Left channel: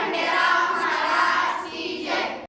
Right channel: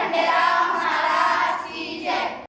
Khanderao